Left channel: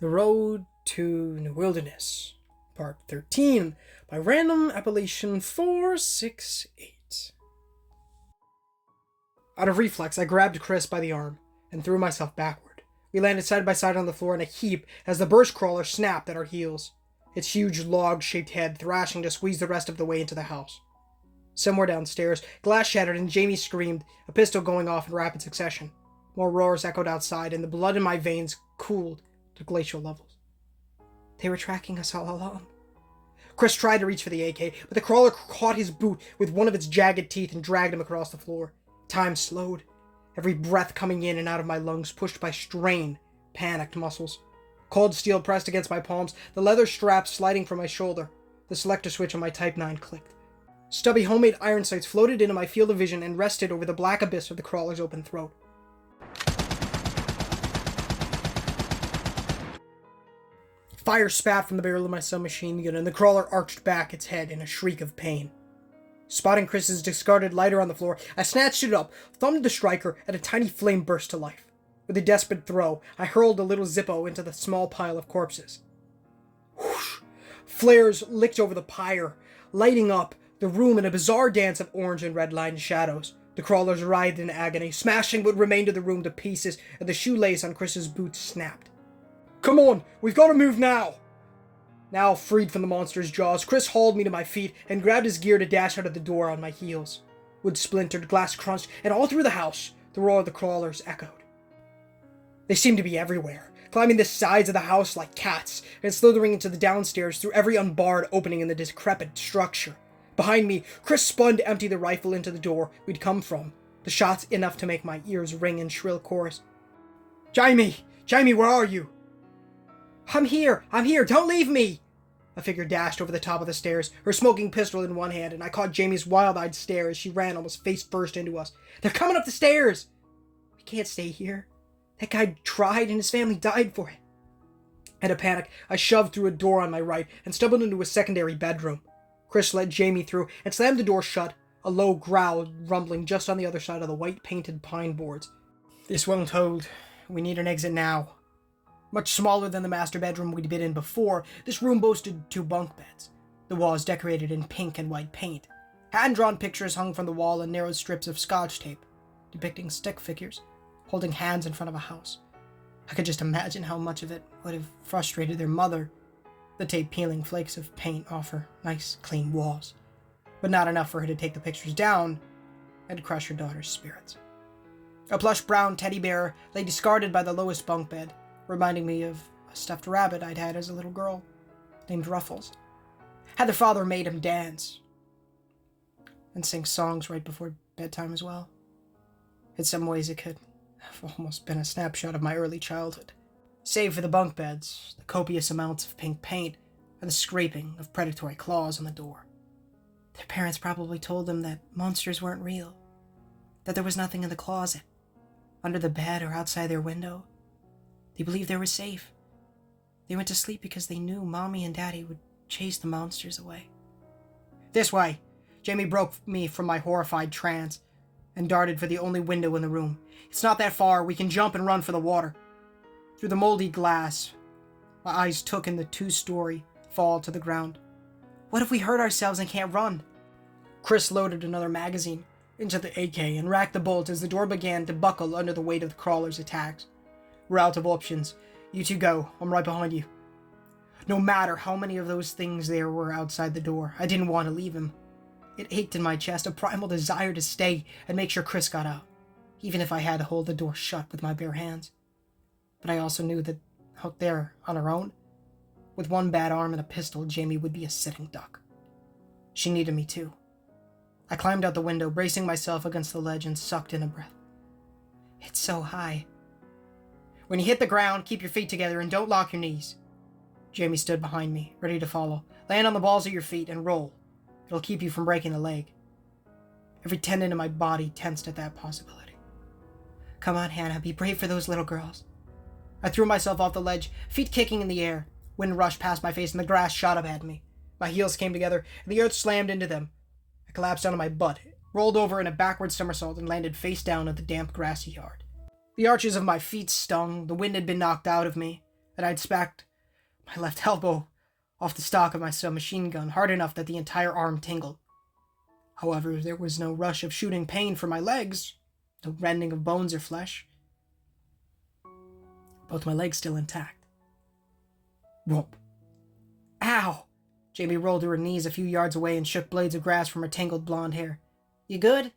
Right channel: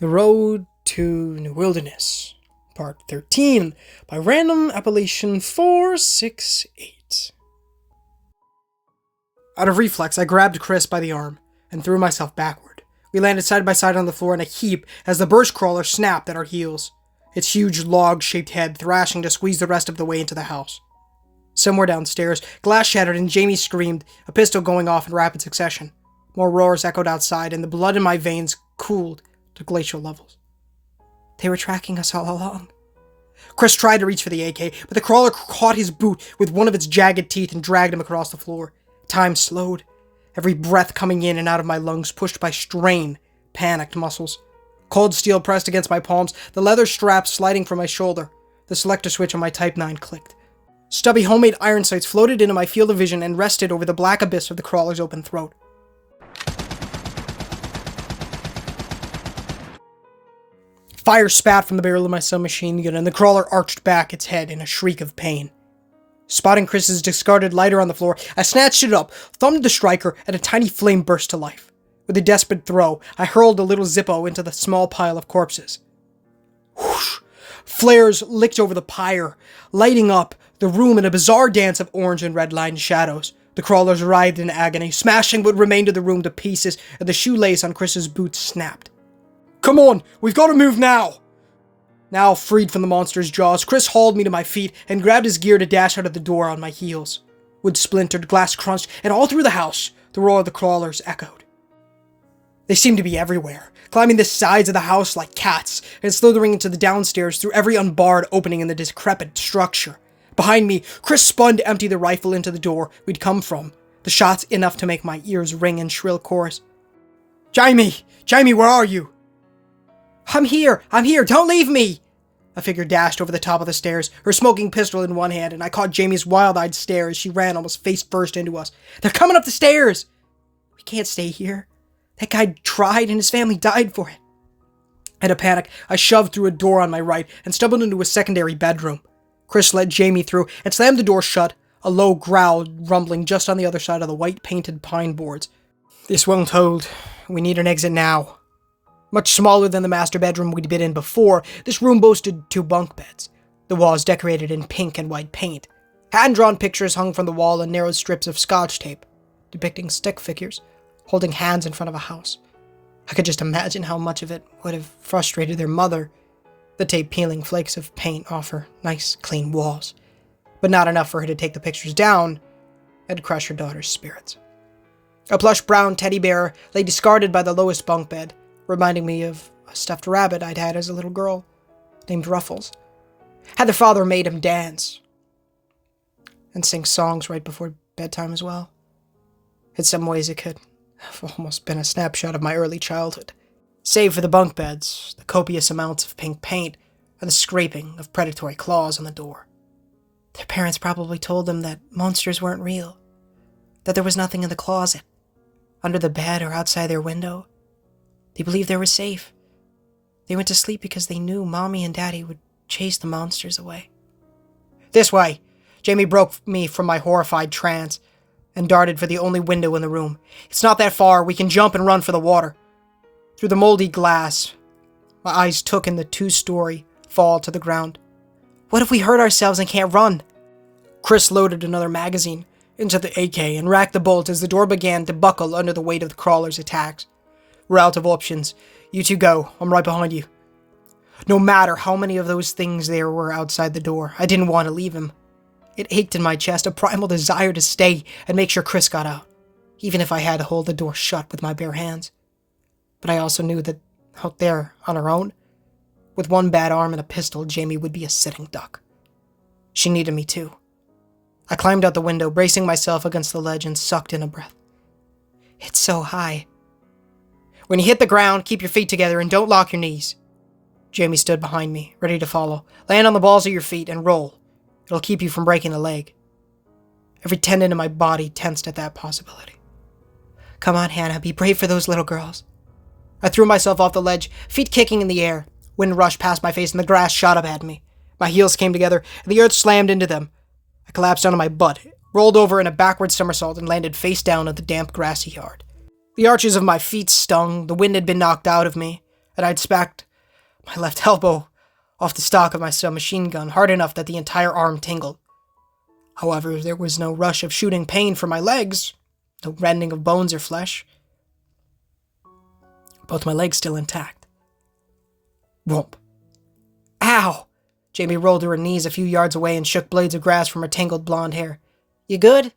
The Road to New Wilderness, Part 13, by random appellation 468. Out of reflex, I grabbed Chris by the arm and threw myself backward. We landed side by side on the floor in a heap as the burst crawler snapped at our heels, its huge log-shaped head thrashing to squeeze the rest of the way into the house. Somewhere downstairs, glass shattered and Jamie screamed, a pistol going off in rapid succession. More roars echoed outside, and the blood in my veins cooled to glacial levels. They were tracking us all along. Chris tried to reach for the AK, but the crawler caught his boot with one of its jagged teeth and dragged him across the floor. Time slowed, every breath coming in and out of my lungs pushed by strained, panicked muscles. Cold steel pressed against my palms, the leather strap sliding from my shoulder. The selector switch on my Type 9 clicked. Stubby homemade iron sights floated into my field of vision and rested over the black abyss of the crawler's open throat. Fire spat from the barrel of my submachine gun, and the crawler arched back its head in a shriek of pain. Spotting Chris's discarded lighter on the floor, I snatched it up, thumbed the striker, and a tiny flame burst to life. With a desperate throw, I hurled the little Zippo into the small pile of corpses. Whoosh! Flares licked over the pyre, lighting up the room in a bizarre dance of orange and red-lined shadows. The crawlers writhed in agony, smashing what remained of the room to pieces, and the shoelace on Chris's boot snapped. "Come on, we've got to move now!" Now freed from the monster's jaws, Chris hauled me to my feet and grabbed his gear to dash out of the door on my heels. Wood splintered, glass crunched, and all through the house, the roar of the crawlers echoed. They seemed to be everywhere, climbing the sides of the house like cats, and slithering into the downstairs through every unbarred opening in the decrepit structure. Behind me, Chris spun to empty the rifle into the door we'd come from, the shots enough to make my ears ring in shrill chorus. Jamie, where are you?" I'm here, don't leave me!" A figure dashed over the top of the stairs, her smoking pistol in one hand, and I caught Jamie's wild-eyed stare as she ran almost face-first into us. "They're coming up the stairs!" "We can't stay here. That guy tried and his family died for it." In a panic, I shoved through a door on my right and stumbled into a secondary bedroom. Chris led Jamie through and slammed the door shut, a low growl rumbling just on the other side of the white-painted pine boards. "This won't hold. We need an exit now." Much smaller than the master bedroom we'd been in before, this room boasted 2 bunk beds. The walls decorated in pink and white paint. Hand-drawn pictures hung from the wall in narrow strips of scotch tape, depicting stick figures, holding hands in front of a house. I could just imagine how much of it would have frustrated their mother. The tape peeling flakes of paint off her nice, clean walls, but not enough for her to take the pictures down and crush her daughter's spirits. A plush brown teddy bear lay discarded by the lowest bunk bed, reminding me of a stuffed rabbit I'd had as a little girl, named Ruffles. Had their father made him dance and sing songs right before bedtime as well. In some ways it could have almost been a snapshot of my early childhood. Save for the bunk beds, the copious amounts of pink paint, and the scraping of predatory claws on the door. Their parents probably told them that monsters weren't real, that there was nothing in the closet, under the bed or outside their window. They believed they were safe. They went to sleep because they knew Mommy and Daddy would chase the monsters away. "This way!" Jamie broke me from my horrified trance and darted for the only window in the room. "It's not that far. We can jump and run for the water." Through the moldy glass, my eyes took in the 2-story fall to the ground. What if we hurt ourselves and can't run? Chris loaded another magazine into the AK and racked the bolt as the door began to buckle under the weight of the crawler's attacks. "We're out of options. You two go. I'm right behind you." No matter how many of those things there were outside the door, I didn't want to leave him. It ached in my chest, a primal desire to stay and make sure Chris got out, even if I had to hold the door shut with my bare hands. But I also knew that out there, on her own, with one bad arm and a pistol, Jamie would be a sitting duck. She needed me too. I climbed out the window, bracing myself against the ledge and sucked in a breath. It's so high. "When you hit the ground, keep your feet together and don't lock your knees." Jamie stood behind me, ready to follow. "Land on the balls of your feet and roll. It'll keep you from breaking a leg." Every tendon in my body tensed at that possibility. "Come on, Hannah, be brave for those little girls." I threw myself off the ledge, feet kicking in the air. Wind rushed past my face and the grass shot up at me. My heels came together and the earth slammed into them. I collapsed onto my butt, rolled over in a backward somersault, and landed face down at the damp grassy yard. The arches of my feet stung, the wind had been knocked out of me, and I'd smacked my left elbow off the stock of my submachine gun hard enough that the entire arm tingled. However, there was no rush of shooting pain from my legs, no rending of bones or flesh. Both my legs still intact. Whoop. Ow! Jamie rolled to her knees a few yards away and shook blades of grass from her tangled blonde hair. You good?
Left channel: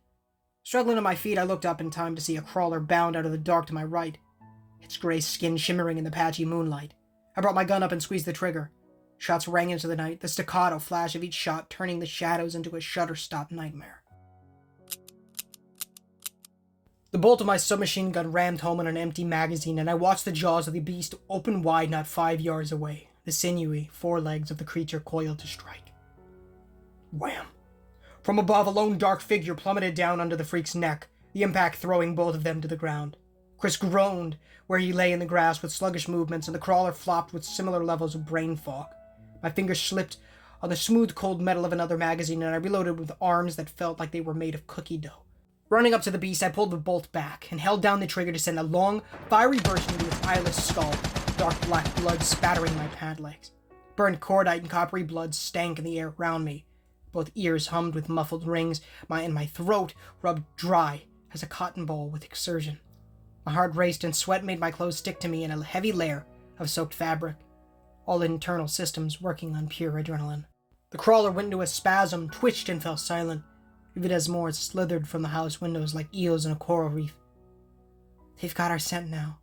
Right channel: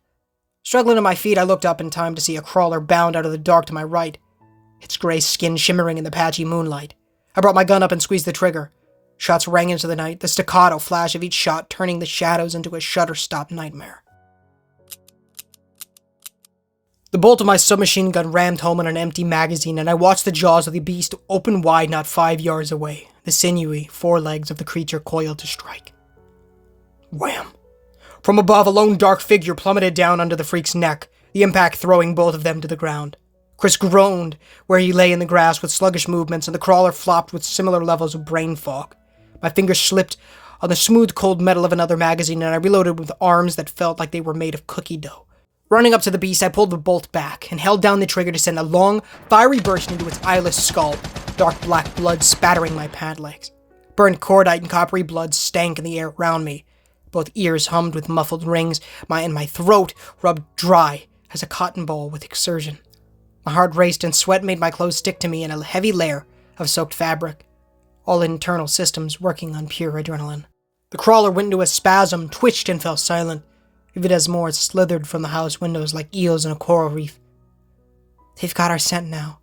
Struggling to my feet, I looked up in time to see a crawler bound out of the dark to my right, its gray skin shimmering in the patchy moonlight. I brought my gun up and squeezed the trigger. Shots rang into the night, the staccato flash of each shot turning the shadows into a shutter-stop nightmare. The bolt of my submachine gun rammed home on an empty magazine, and I watched the jaws of the beast open wide not 5 yards away, the sinewy forelegs of the creature coiled to strike. Wham! From above, a lone dark figure plummeted down under the freak's neck, the impact throwing both of them to the ground. Chris groaned where he lay in the grass with sluggish movements, and the crawler flopped with similar levels of brain fog. My fingers slipped on the smooth cold metal of another magazine, and I reloaded with arms that felt like they were made of cookie dough. Running up to the beast, I pulled the bolt back and held down the trigger to send a long, fiery burst into its eyeless skull, dark black blood spattering my pant legs. Burnt cordite and coppery blood stank in the air around me. Both ears hummed with muffled rings, and my throat rubbed dry as a cotton ball with exertion. My heart raced and sweat made my clothes stick to me in a heavy layer of soaked fabric, all internal systems working on pure adrenaline. The crawler went into a spasm, twitched and fell silent. Vivid as more slithered from the house windows like eels in a coral reef. They've got our scent now.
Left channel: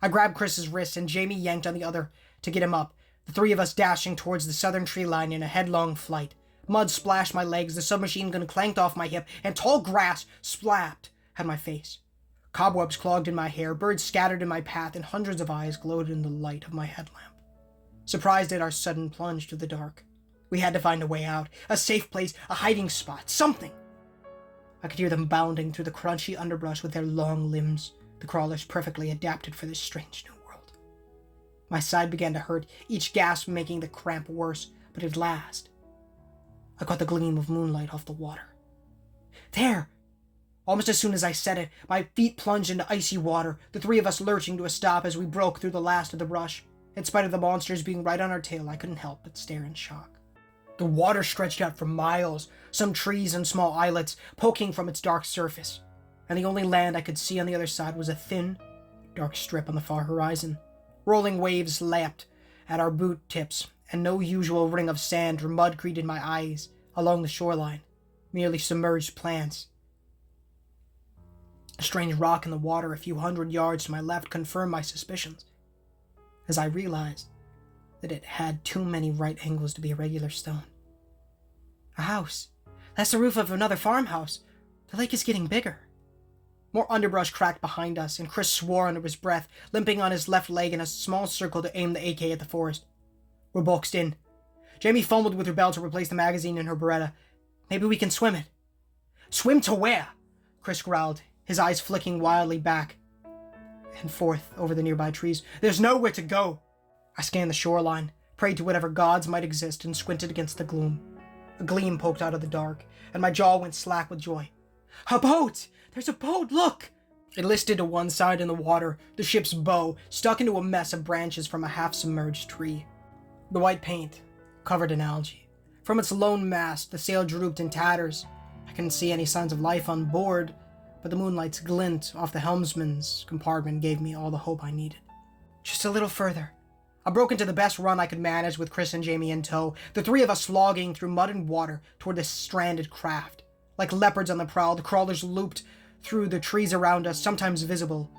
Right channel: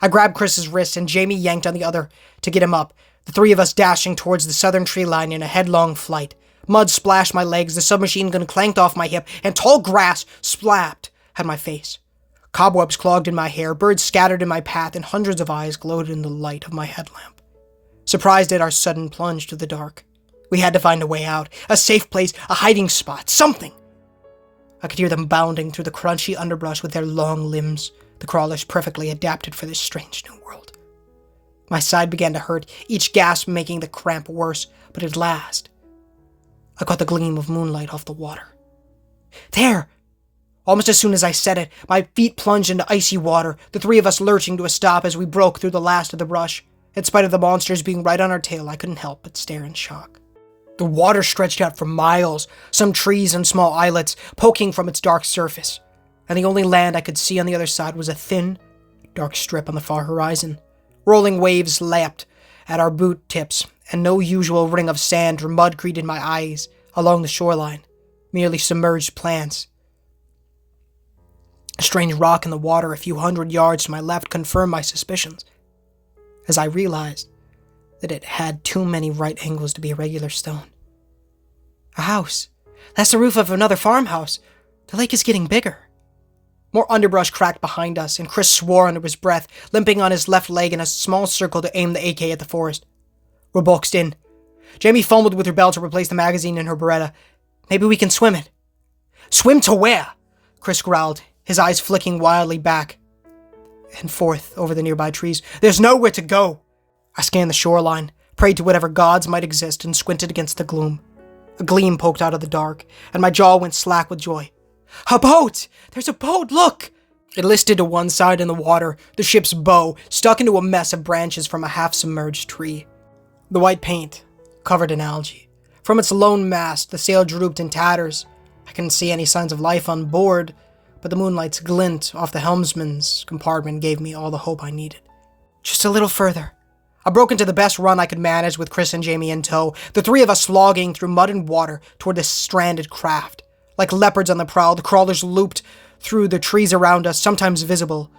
I grabbed Chris's wrist and Jamie yanked on the other to get him up, the three of us dashing towards the southern tree line in a headlong flight. Mud splashed my legs, the submachine gun clanked off my hip, and tall grass splapped at my face. Cobwebs clogged in my hair, birds scattered in my path, and hundreds of eyes glowed in the light of my headlamp. Surprised at our sudden plunge to the dark, we had to find a way out, a safe place, a hiding spot, something. I could hear them bounding through the crunchy underbrush with their long limbs, the crawlers perfectly adapted for this strange new world. My side began to hurt, each gasp making the cramp worse, but at last, I caught the gleam of moonlight off the water. There! Almost as soon as I said it, my feet plunged into icy water, the three of us lurching to a stop as we broke through the last of the brush. In spite of the monsters being right on our tail, I couldn't help but stare in shock. The water stretched out for miles, some trees and small islets poking from its dark surface, and the only land I could see on the other side was a thin, dark strip on the far horizon. Rolling waves lapped at our boot tips, and no usual ring of sand or mud greeted my eyes along the shoreline, merely submerged plants. A strange rock in the water a few hundred yards to my left confirmed my suspicions, as I realized that it had too many right angles to be a regular stone. A house. That's the roof of another farmhouse. The lake is getting bigger. More underbrush cracked behind us, and Chris swore under his breath, limping on his left leg in a small circle to aim the AK at the forest. We're boxed in. Jamie fumbled with her belt to replace the magazine in her Beretta. Maybe we can swim it. Swim to where? Chris growled, his eyes flicking wildly back and forth over the nearby trees. There's nowhere to go. I scanned the shoreline, prayed to whatever gods might exist, and squinted against the gloom. A gleam poked out of the dark, and my jaw went slack with joy. A boat! There's a boat, look! It listed to one side in the water, the ship's bow stuck into a mess of branches from a half-submerged tree. The white paint covered in algae. From its lone mast, the sail drooped in tatters. I couldn't see any signs of life on board, but the moonlight's glint off the helmsman's compartment gave me all the hope I needed. Just a little further. I broke into the best run I could manage with Chris and Jamie in tow, the three of us slogging through mud and water toward this stranded craft. Like leopards on the prowl, the crawlers looped through the trees around us, sometimes visible,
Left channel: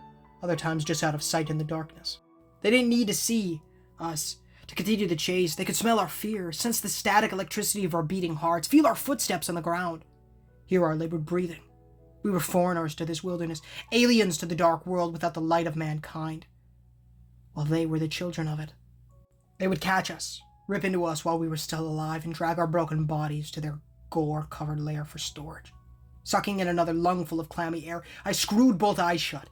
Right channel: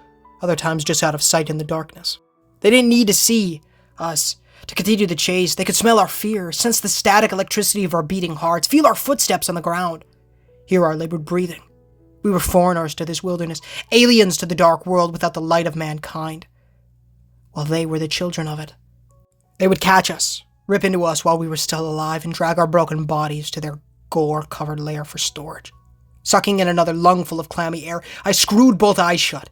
other times just out of sight in the darkness. They didn't need to see us to continue the chase. They could smell our fear, sense the static electricity of our beating hearts, feel our footsteps on the ground, hear our labored breathing. We were foreigners to this wilderness, aliens to the dark world without the light of mankind, while they were the children of it. They would catch us, rip into us while we were still alive, and drag our broken bodies to their gore-covered lair for storage. Sucking in another lungful of clammy air, I screwed both eyes shut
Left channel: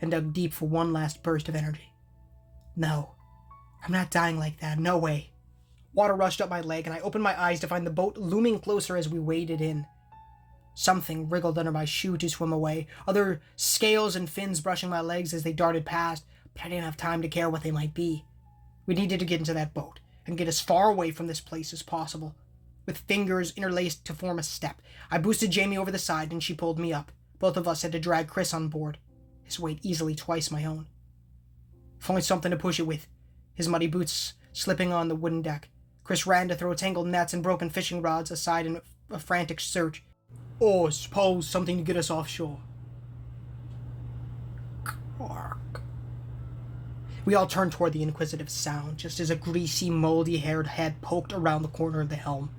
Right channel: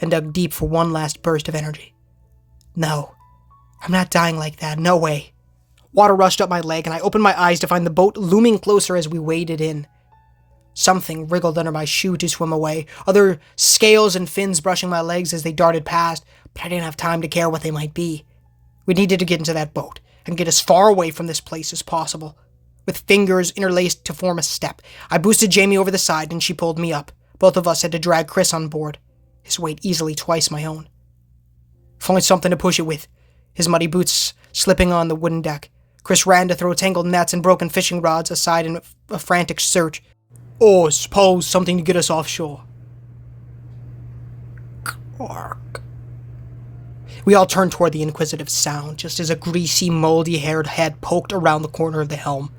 and dug deep for one last burst of energy. No, I'm not dying like that, no way. Water rushed up my leg, and I opened my eyes to find the boat looming closer as we waded in. Something wriggled under my shoe to swim away, other scales and fins brushing my legs as they darted past, but I didn't have time to care what they might be. We needed to get into that boat and get as far away from this place as possible. With fingers interlaced to form a step, I boosted Jamie over the side and she pulled me up. Both of us had to drag Chris on board, his weight easily twice my own. Find something to push it with, his muddy boots slipping on the wooden deck. Chris ran to throw tangled nets and broken fishing rods aside in a frantic search. Oh, suppose something to get us offshore. Clark. We all turned toward the inquisitive sound, just as a greasy, moldy-haired head poked around the corner of the helm,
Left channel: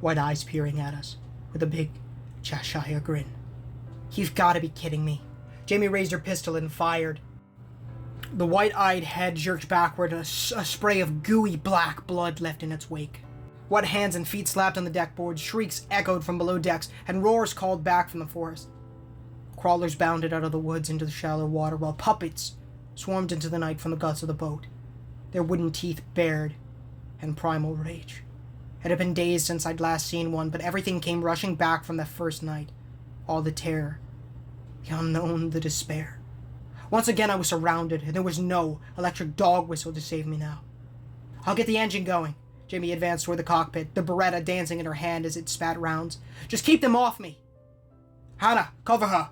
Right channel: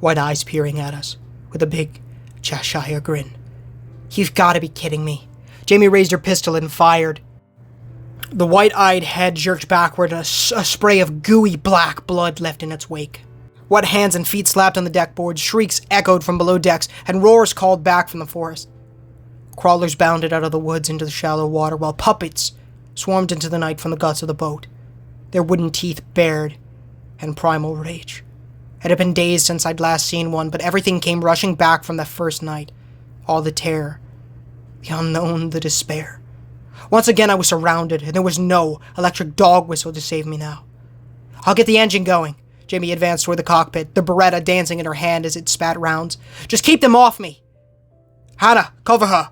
white eyes peering at us, with a big Cheshire grin. You've got to be kidding me. Jamie raised her pistol and fired. The white-eyed head jerked backward, and a spray of gooey black blood left in its wake. Wet hands and feet slapped on the deck boards, shrieks echoed from below decks, and roars called back from the forest. Crawlers bounded out of the woods into the shallow water, while puppets swarmed into the night from the guts of the boat, their wooden teeth bared and primal rage. It had been days since I'd last seen one, but everything came rushing back from that first night. All the terror, the unknown, the despair. Once again I was surrounded, and there was no electric dog whistle to save me now. I'll get the engine going. Jamie advanced toward the cockpit, the Beretta dancing in her hand as it spat rounds. Just keep them off me! Hannah, cover her!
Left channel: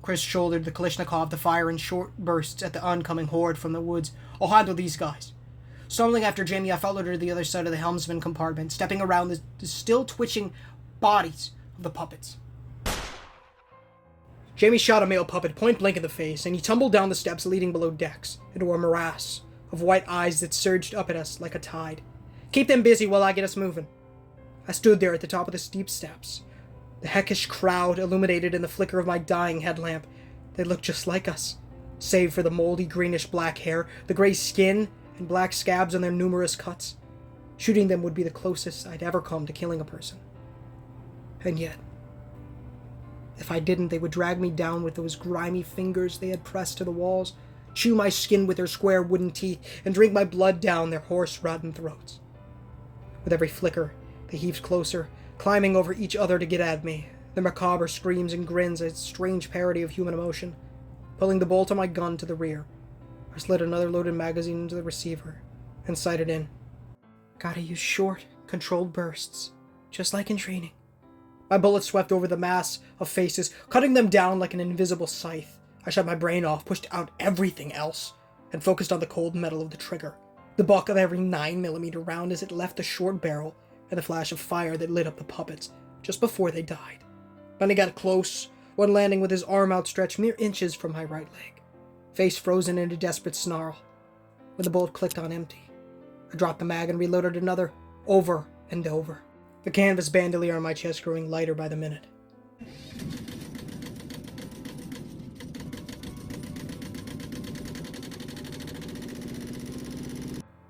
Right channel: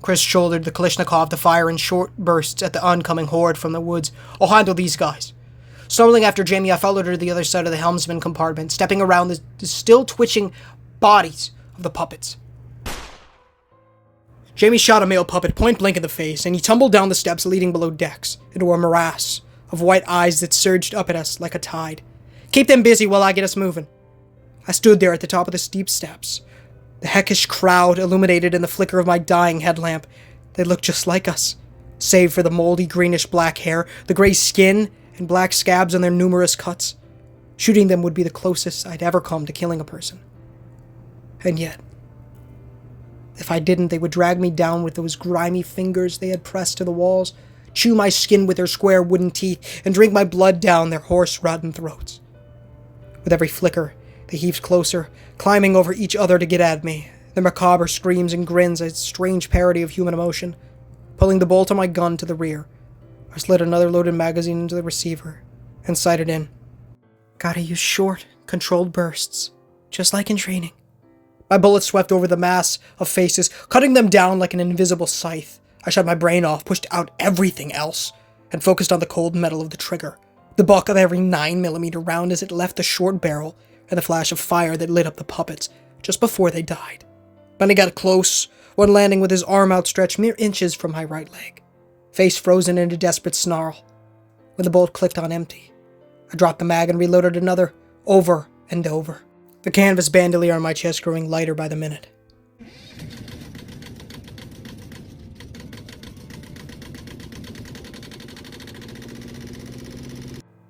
Chris shouldered the Kalashnikov to fire in short bursts at the oncoming horde from the woods. I'll handle these guys. Stumbling after Jamie, I followed her to the other side of the helmsman compartment, stepping around the still twitching bodies of the puppets. Jamie shot a male puppet point blank in the face, and he tumbled down the steps leading below decks into a morass of white eyes that surged up at us like a tide. Keep them busy while I get us moving. I stood there at the top of the steep steps, the heckish crowd illuminated in the flicker of my dying headlamp. They looked just like us, save for the moldy greenish-black hair, the gray skin, and black scabs on their numerous cuts. Shooting them would be the closest I'd ever come to killing a person. And yet, if I didn't, they would drag me down with those grimy fingers they had pressed to the walls, chew my skin with their square wooden teeth, and drink my blood down their horse-rotten throats. With every flicker, they heaved closer, climbing over each other to get at me, their macabre screams and grins a strange parody of human emotion. Pulling the bolt on my gun to the rear, I slid another loaded magazine into the receiver and sighted in. Gotta use short, controlled bursts, just like in training. My bullet swept over the mass of faces, cutting them down like an invisible scythe. I shut my brain off, pushed out everything else, and focused on the cold metal of the trigger, the buck of every 9mm round as it left the short barrel, and the flash of fire that lit up the puppets just before they died. When I got close, one landing with his arm outstretched mere inches from my right leg, face frozen in a desperate snarl. When the bolt clicked on empty, I dropped the mag and reloaded another, over and over, the canvas bandolier on my chest growing lighter by the minute.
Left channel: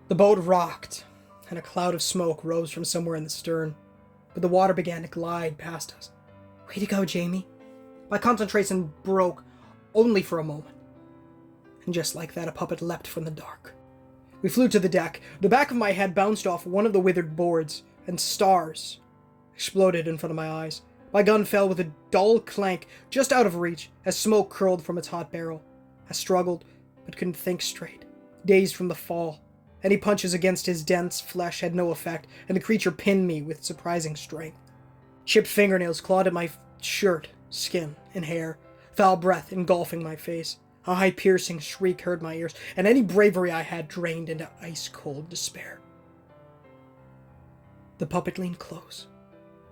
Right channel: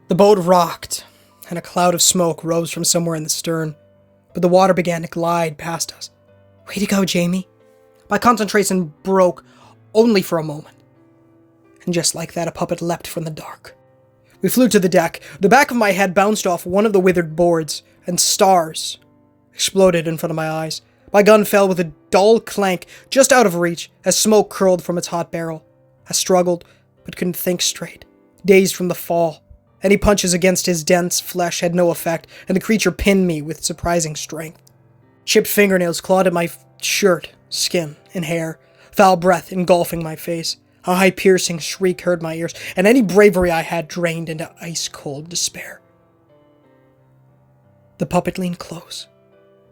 The boat rocked, and a cloud of smoke rose from somewhere in the stern, but the water began to glide past us. Way to go, Jamie. My concentration broke only for a moment. And just like that, a puppet leapt from the dark. We flew to the deck. The back of my head bounced off one of the withered boards, and stars exploded in front of my eyes. My gun fell with a dull clank just out of reach as smoke curled from its hot barrel. I struggled, but couldn't think straight, dazed from the fall. Any punches against his dense flesh had no effect, and the creature pinned me with surprising strength. Chipped fingernails clawed at my shirt, skin, and hair, foul breath engulfing my face. A high-piercing shriek hurt my ears, and any bravery I had drained into ice-cold despair. The puppet leaned close,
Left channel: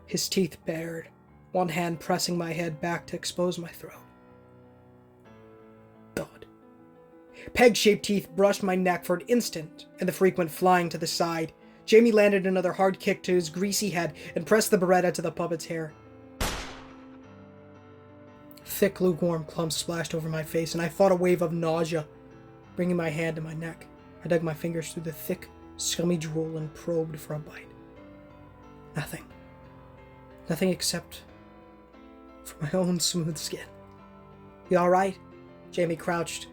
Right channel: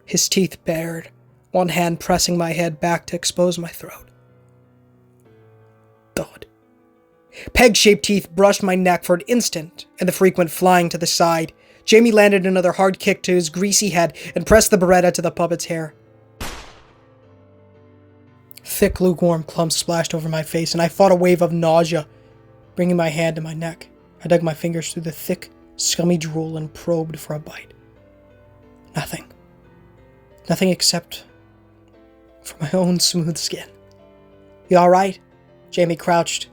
his teeth bared, one hand pressing my head back to expose my throat. Thud. Peg-shaped teeth brushed my neck for an instant, and the frequent flying to the side. Jamie landed another hard kick to his greasy head and pressed the Beretta to the puppet's hair. Thick, lukewarm clumps splashed over my face, and I fought a wave of nausea, bringing my hand to my neck. I dug my fingers through the thick, scummy drool and probed for a bite. Nothing. Nothing except for my own smooth skin. You all right? Jamie crouched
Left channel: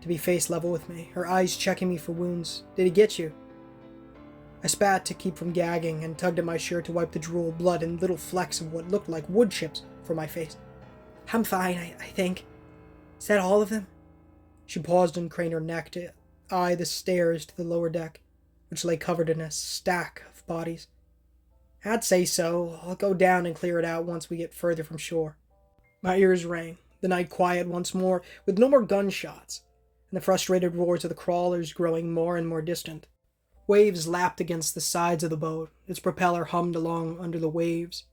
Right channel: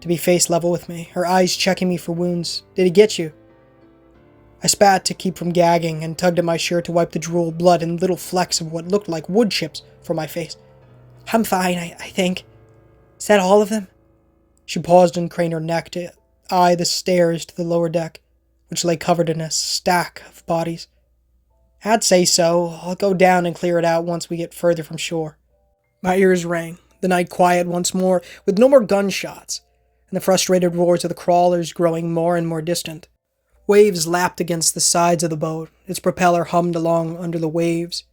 to be face level with me, her eyes checking me for wounds. Did he get you? I spat to keep from gagging and tugged at my shirt to wipe the drool, blood, and little flecks of what looked like wood chips from my face. I'm fine, I think. Is that all of them? She paused and craned her neck to eye the stairs to the lower deck, which lay covered in a stack of bodies. I'd say so. I'll go down and clear it out once we get further from shore. My ears rang, the night quiet once more, with no more gunshots, and the frustrated roars of the crawlers growing more and more distant. Waves lapped against the sides of the boat, its propeller hummed along under the waves,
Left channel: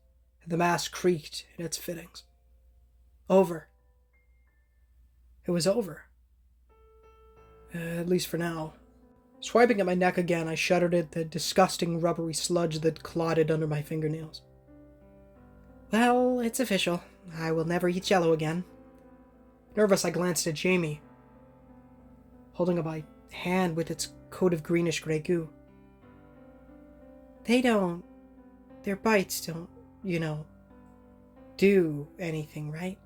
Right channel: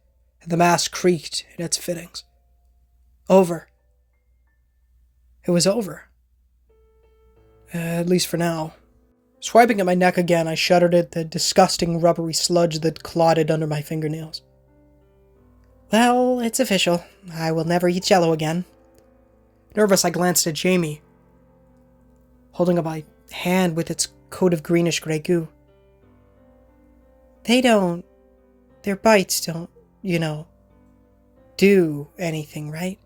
and the mast creaked in its fittings. Over. It was over. At least for now. Swiping at my neck again, I shuddered at the disgusting rubbery sludge that clotted under my fingernails. Well, it's official. I will never eat Jell-O again. Nervous, I glanced at Jamie, holding up my hand with its coat of greenish-gray goo. Their bites don't, do anything, right?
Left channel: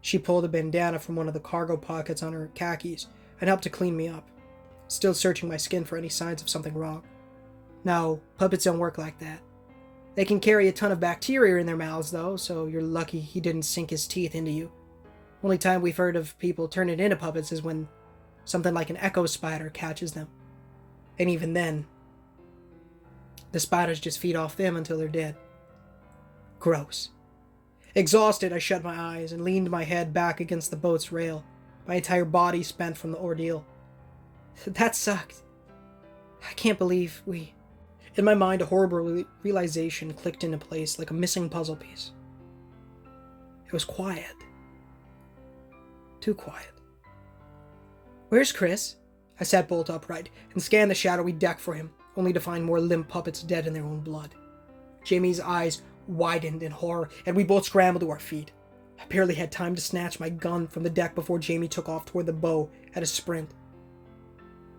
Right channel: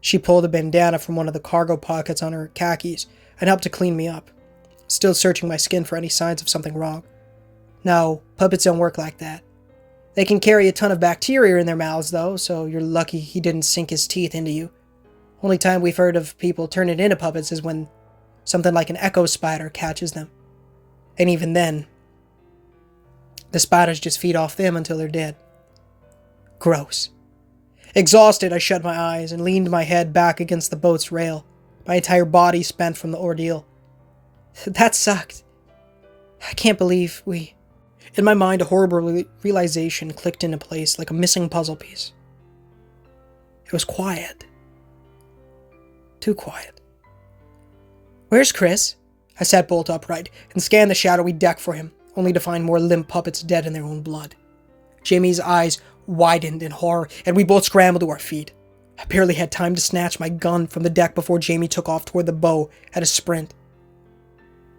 She pulled a bandana from one of the cargo pockets on her khakis and helped to clean me up, still searching my skin for any signs of something wrong. No, puppets don't work like that. They can carry a ton of bacteria in their mouths, though, so you're lucky he didn't sink his teeth into you. Only time we've heard of people turning into puppets is when something like an echo spider catches them. And even then, the spiders just feed off them until they're dead. Gross. Exhausted, I shut my eyes and leaned my head back against the boat's rail, my entire body spent from the ordeal. That sucked. I can't believe we... In my mind, a horrible realization clicked into place like a missing puzzle piece. It was quiet. Too quiet. Where's Chris? I sat bolt upright and scanned the shadowy deck for him, only to find more limp puppets dead in their own blood. Jamie's eyes widened in horror, and we both scrambled to our feet. I barely had time to snatch my gun from the deck before Jamie took off toward the bow at a sprint.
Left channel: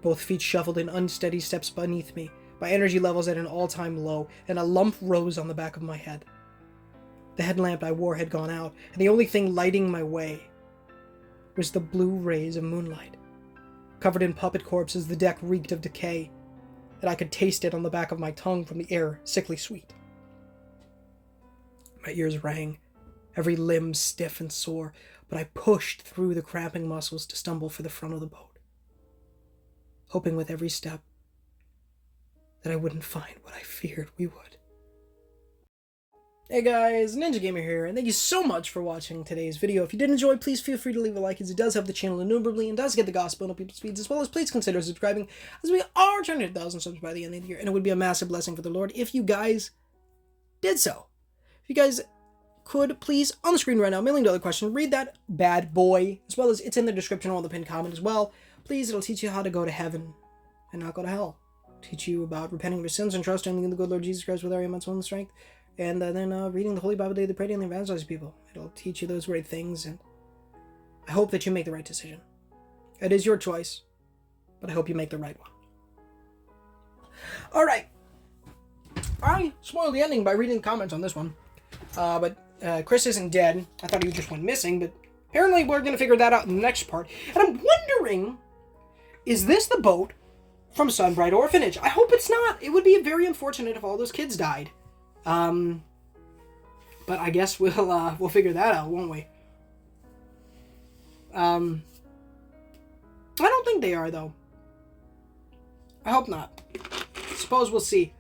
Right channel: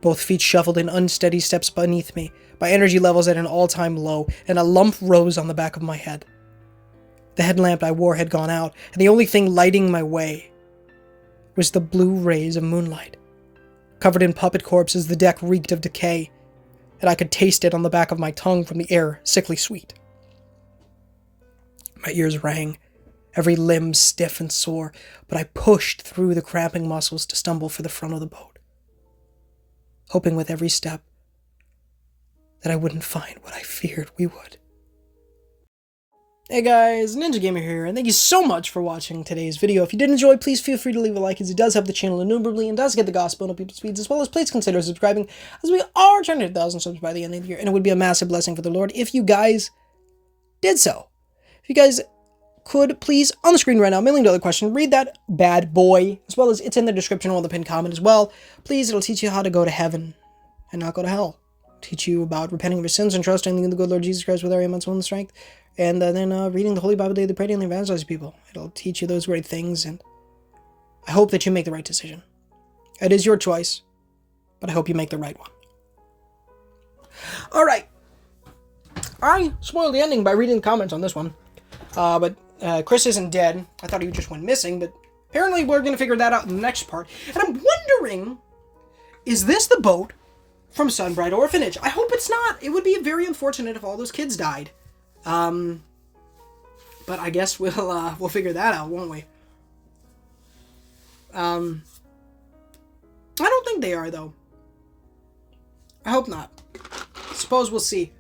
Both feet shuffled in unsteady steps beneath me, my energy levels at an all-time low, and a lump rose on the back of my head. The headlamp I wore had gone out, and the only thing lighting my way was the blue rays of moonlight. Covered in puppet corpses, the deck reeked of decay, and I could taste it on the back of my tongue from the air, sickly sweet. My ears rang, every limb stiff and sore, but I pushed through the cramping muscles to stumble for the front of the boat, hoping with every step that I wouldn't find what I feared we would. Hey guys, Ninja Gamer here, and thank you so much for watching today's video. If you did enjoy, please feel free to leave a like, as it does help the channel innumerably and does get the gospel up people's speeds, as well as please consider subscribing, as we are trying to hit 1,000 subs by the end of the year, and it would be a massive blessing for the Lord if you guys did so. If you guys could, please, on the screen right now, $1 million question, read that bad boy, as well as it's in the description or the pinned comment as well. Please, it'll teach you how to go to heaven and not go to hell. Teach you about repenting of your sins and trusting in the good Lord Jesus Christ with our aim, soul, and strength. And then reading the Holy Bible daily, praying and evangelizing people. It'll teach you those great things, and I hope that you make the right decision. It is your choice, but I hope you make the right one. Alright. I spoiled the ending by reading the comments on this one. But Chris isn't dead. I thought he just went missing, but apparently we're going to figure that out in the next part. And I'm wondering, is this the boat from Sunbright Orphanage? I hope it's not. It would be very unfortunate if all those kids died. But I guess we'll figure that out, won't we? I don't think they are, though. I hope not. I suppose we'll see.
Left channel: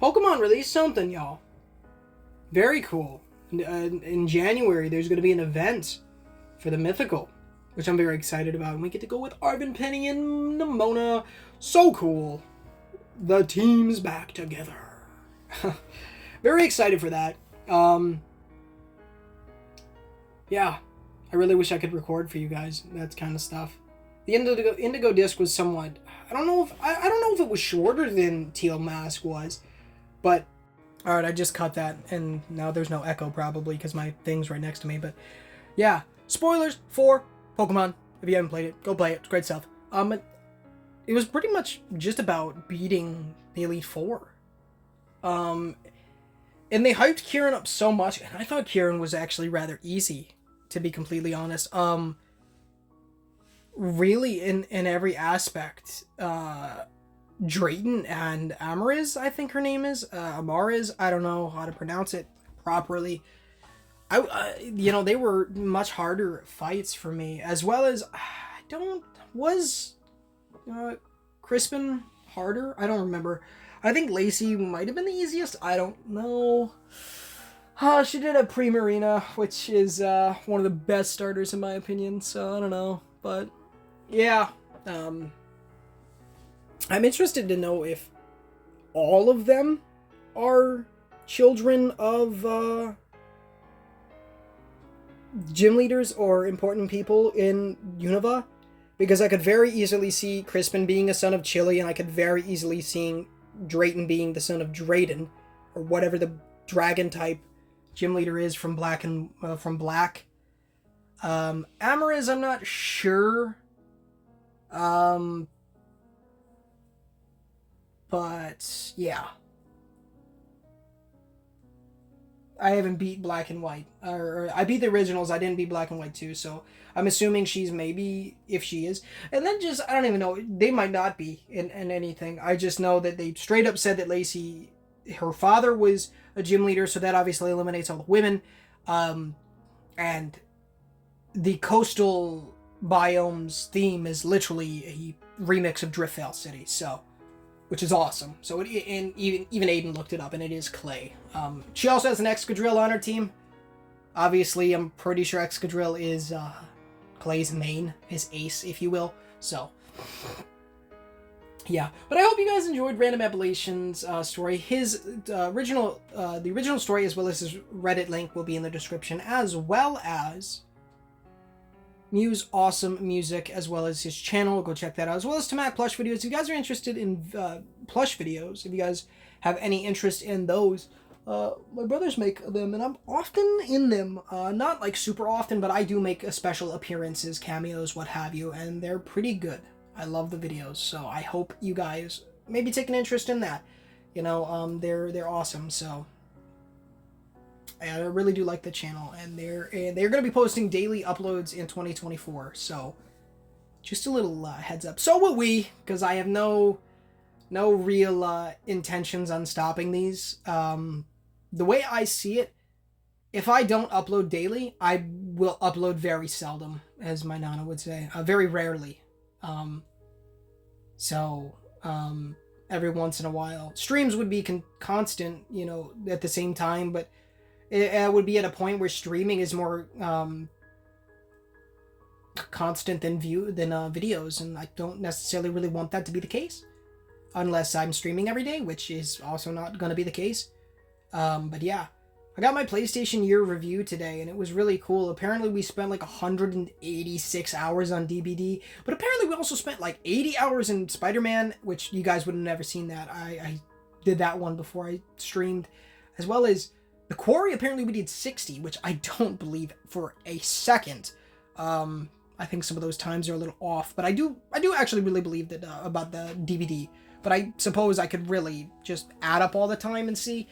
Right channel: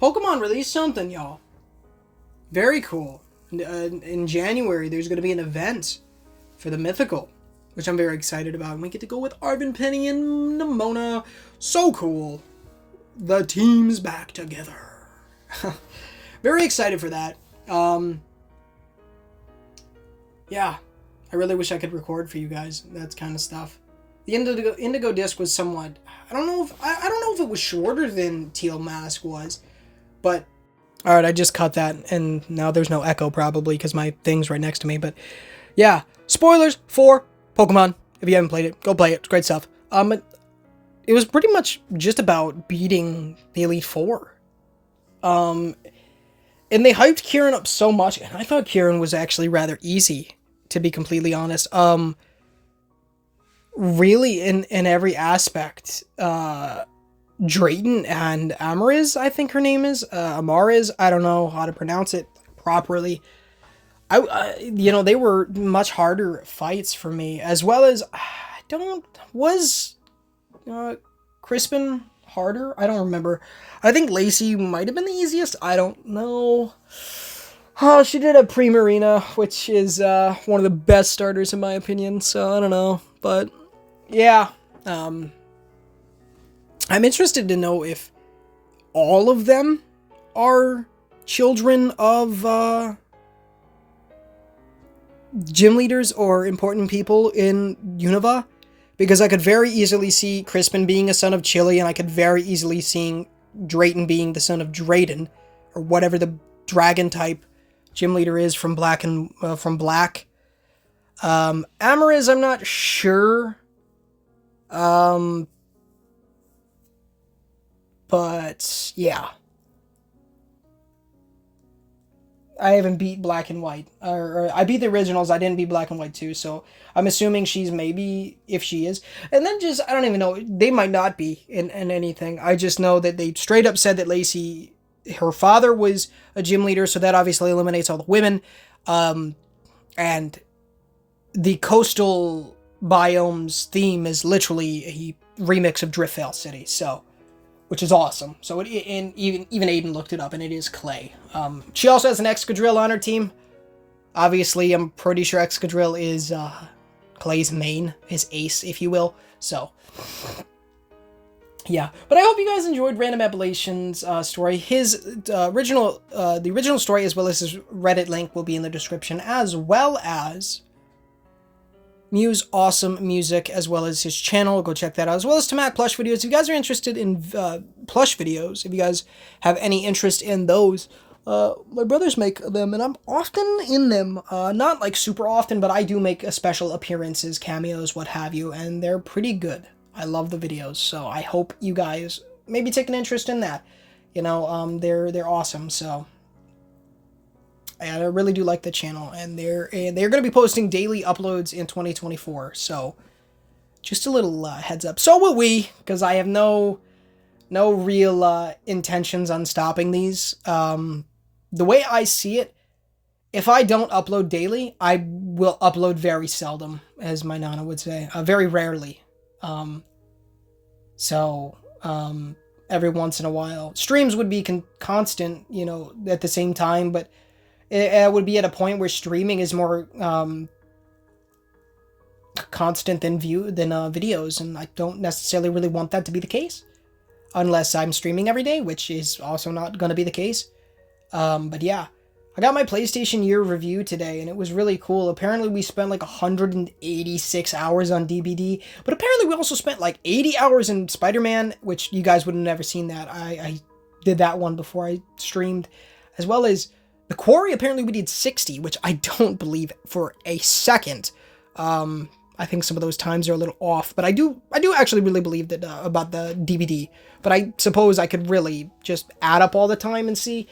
Pokemon released something, y'all. Very cool. In January, there's going to be an event for the Mythical, which I'm very excited about. And we get to go with Arvin, Penny, and Nimona. So cool. The team's back together. Very excited for that. Yeah. I really wish I could record for you guys that kind of stuff. The Indigo disc was somewhat... I don't know if it was shorter than Teal Mask was. But, alright, I just cut that, and now there's no echo, probably, because my thing's right next to me, but, yeah. Spoilers for Pokemon. If you haven't played it, go play it. It's great stuff. It was pretty much just about beating the Elite Four. And they hyped Kieran up so much, and I thought Kieran was actually rather easy, to be completely honest. Really, in every aspect, Drayton and Amariz, I think her name is, Amariz, I don't know how to pronounce it properly. they were much harder fights for me, as well as, was Crispin harder? I don't remember. I think Lacey might have been the easiest. I don't know. She did a Primarina, which is one of the best starters in my opinion, so I don't know. But, yeah. I'm interested to know if all of them are children of gym leaders or important people in Unova, because I could very easily see Crispin being a son of Chili, and I could very easily see Drayton being the son of Drayden, or whatever the dragon type gym leader is from Black. Amariz, I'm not sure. But yeah. I haven't beat Black and White. Or I beat the originals, I didn't beat Black and White 2, so I'm assuming she's maybe, if she is. And then just, I don't even know, they might not be in anything. I just know that they straight up said that Lacey, her father was a gym leader, so that obviously eliminates all the women. And the coastal biomes theme is literally a remix of Driftveil City, so, which is awesome. So and even Aiden looked it up, and it is Clay. She also has an Excadrill on her team. Obviously, I'm pretty sure Excadrill is Clay's main, his ace, if you will. So, yeah. But I hope you guys enjoyed Random Appellation's story. The original story, as well as his Reddit link, will be in the description, as well as Mew's awesome music, as well as his channel. Go check that out, as well as Tomac plush videos. If you guys are interested in plush videos, if you guys have any interest in those, my brothers make them, and I'm often in them. Not like super often, but I do make special appearances, cameos, what have you, and they're pretty good. I love the videos, so I hope you guys maybe take an interest in that. They're awesome, so. And I really do like the channel, and they're going to be posting daily uploads in 2024, so just a little heads up. So will we, because I have no real intentions on stopping these. The way I see it, if I don't upload daily, I will upload very seldom, as my nana would say, very rarely. Every once in a while. Streams would be constant, at the same time, but it would be at a point where streaming is more constant than videos, and I don't necessarily really want that to be the case, unless I'm streaming every day, which is also not going to be the case. But yeah, I got my PlayStation Year review today, and it was really cool. Apparently we spent like 186 hours on DBD, but apparently we also spent like 80 hours in Spider-Man, which you guys would have never seen that. I did that one before I streamed, as well as The Quarry. Apparently we did 60, which I don't believe for a second. I think some of those times are a little off, but I do actually really believe that about the DVD. But I suppose I could really just add up all the time and see.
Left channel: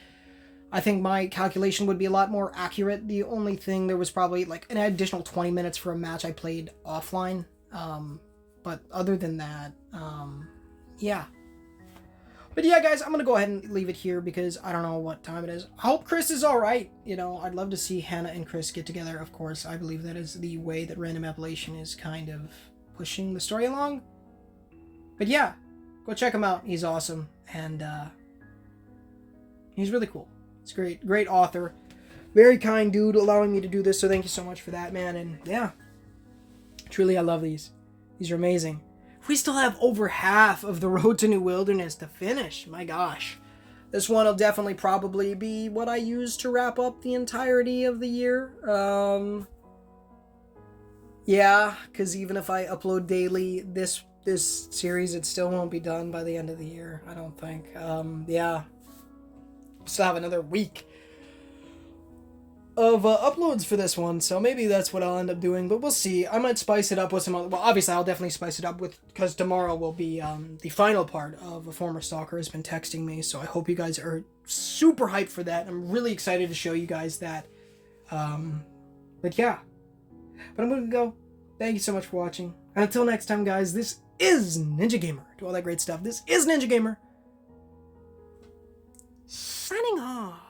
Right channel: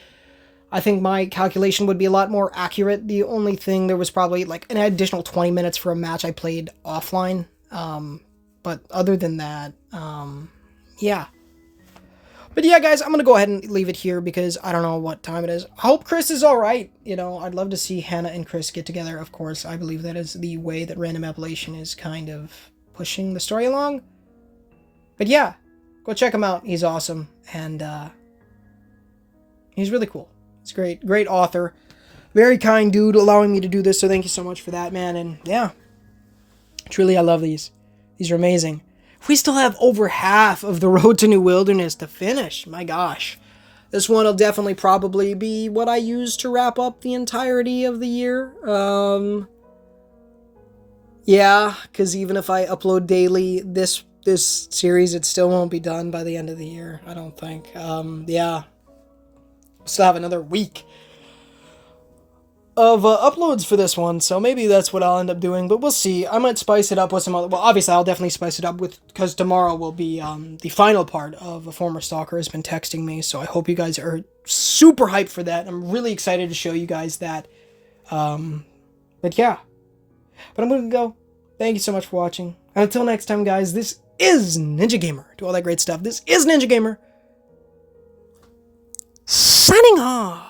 I think my calculation would be a lot more accurate. The only thing, there was probably like an additional 20 minutes for a match I played offline. But other than that, yeah. But yeah, guys, I'm going to go ahead and leave it here because I don't know what time it is. I hope Chris is all right. I'd love to see Hannah and Chris get together, of course. I believe that is the way that Random Appellation is kind of pushing the story along. But yeah, go check him out. He's awesome. And he's really cool. He's great. Great author. Very kind dude allowing me to do this. So thank you so much for that, man. And yeah, truly, I love these. These are amazing. We still have over half of the Road to New Wilderness to finish. My gosh. This one will definitely probably be what I use to wrap up the entirety of the year. Yeah, because even if I upload daily, this series, it still won't be done by the end of the year, I don't think. Yeah. Still have another week of uploads for this one, so maybe that's what I'll end up doing, but we'll see. I might spice it up with some other, well, obviously I'll definitely spice it up because tomorrow will be the final part of A Former Stalker Has Been Texting Me, so I hope you guys are super hyped for that. I'm really excited to show you guys that. But yeah. But I'm gonna go. Thank you so much for watching. And until next time, guys, this is Ninja Gamer. Do all that great stuff. This is Ninja Gamer. Signing off.